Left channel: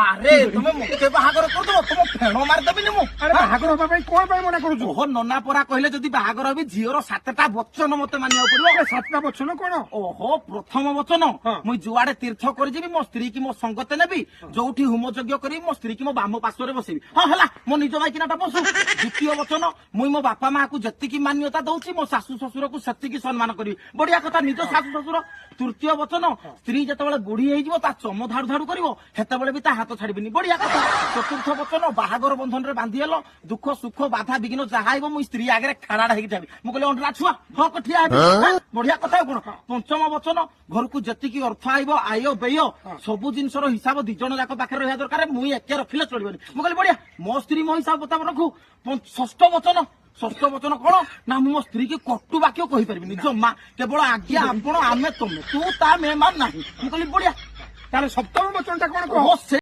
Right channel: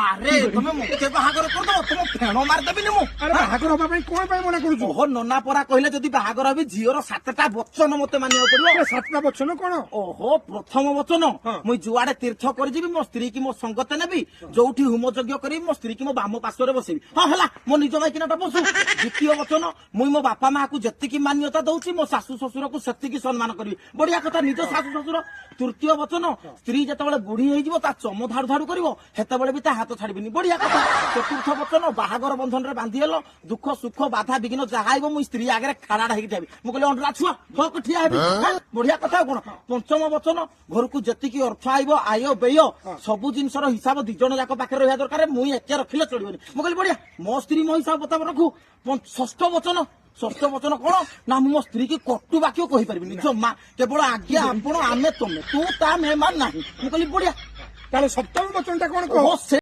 ଆରେ ତମେ ମତେ ବାହାଘର କରିଦବ ତମ ଫେଣ ମାରିଦେବିନି ମୁଁ। ଆରେ ବାହାଘର ହବା ପାଇଁ କଣ ପାଇଁ ମନା କରୁଛୁ? ଓହୋ ନନା ପରା କହିଲେ ଯଦି ବାହାଘର ହେବି ଝିଅର 7ଟା ବଚନ ମତେ ମାନିବାକୁ ପଡିବ। ଆରେ 7ଟା ବଚନ କଣ? ଓହୋ ପ୍ରଥମ ବଚନ ମୁଇଁ ଯୁଆଡେ ତୀର୍ଥ କରିଯିବି ମୋ ସ୍ତ୍ରୀ କି ମୋ ସଙ୍ଗତେ ନେବି, ଯୋଉଠି ହୋମ ଯଜ୍ଞ କରିବି ମୋ ସ୍ତ୍ରୀ କି ମୋ ବାମ ପାର୍ଶ୍ୱରେ ବସେଇବି। ହଁ ହେଲା ମୋ ନିଜ ମାଇକିନାଟା ବସୁ। ଦ୍ୱିତୀୟ ବଚନ ମୁଇଁ ମୋ ବାପା ମାକୁ ଯେତିକି ମାନ୍ୟତା ଦଉଛି ମୋ ଶାଶୁ ଶ୍ୱଶୁରକୁ ସେତିକି ସମ୍ମାନ କରିବି। ବଢିଆ କଥା ନିଜ ଶାଶୁ ଶ୍ୱଶୁର। ତୃତୀୟ ବଚନ ସ୍ତ୍ରୀ ଯେତେବେଳେ ବୁଢୀ ହେଇଯିବ ତା ଚମ ଧାଡୁ ଧାଡୁ କରିବ ସେତେବେଳେ ବି ତା ହାତ ଛାଡିବିନି। ବଢିଆ କଥା। ଚତୁର୍ଥ ବଚନ ବାହାଘର ବନ୍ଧନରେ ବାନ୍ଧି ହେଲ ଦୁଃଖ ସୁଖ ବାଧା ବିଘ୍ନ ଯାହା ଆଇବ ମୁଁ ସ୍ତ୍ରୀ ଆଗରେ ଖାଡାଟା ହେଇକି ଥାବି। ମୁଁ କହିଲି ଅଣ୍ଡରା ଛୁଆ ଢକ ଠିଆ ହେବି। ବଢିଆ କଥା କଣ। ପଞ୍ଚମ ବଚନ ଘରକୁ ଯେତିକି ଅର୍ଥ ଆଇବ ଆୟ ବ୍ୟୟ ସବୁ ଜିନିଷର ହିସାବ ଦି ଜଣ ଯାକ ପାଖରେ ରହିବା ଦରକାର। ମୁଁ ଏକେ ରଖିଲେ ଚଳିବନି। ମୁଁ କହିଲି ବଢିଆ ମୋ ସ୍ତ୍ରୀ ମୋ ହିସାବ ପତାବ ରଖୁ। ଷଷ୍ଠ ବଚନ କଣ ନା ମୁଁ ମୋ ସ୍ତ୍ରୀ କି କଟୁ ବାକ୍ୟ କହିପାରିବିନି ଜମା। କେବଳ ଆଜ୍ଞା ଆପଣ ଆମେ ତମେ ତୁ ତା ମେହମାନ ନାହିଁ। ମୁଁ କହିଲି ବଢିଆ। ତାହେଲେ ସପ୍ତମ ବଚନଟା କଣ କହ? ଓହୋ,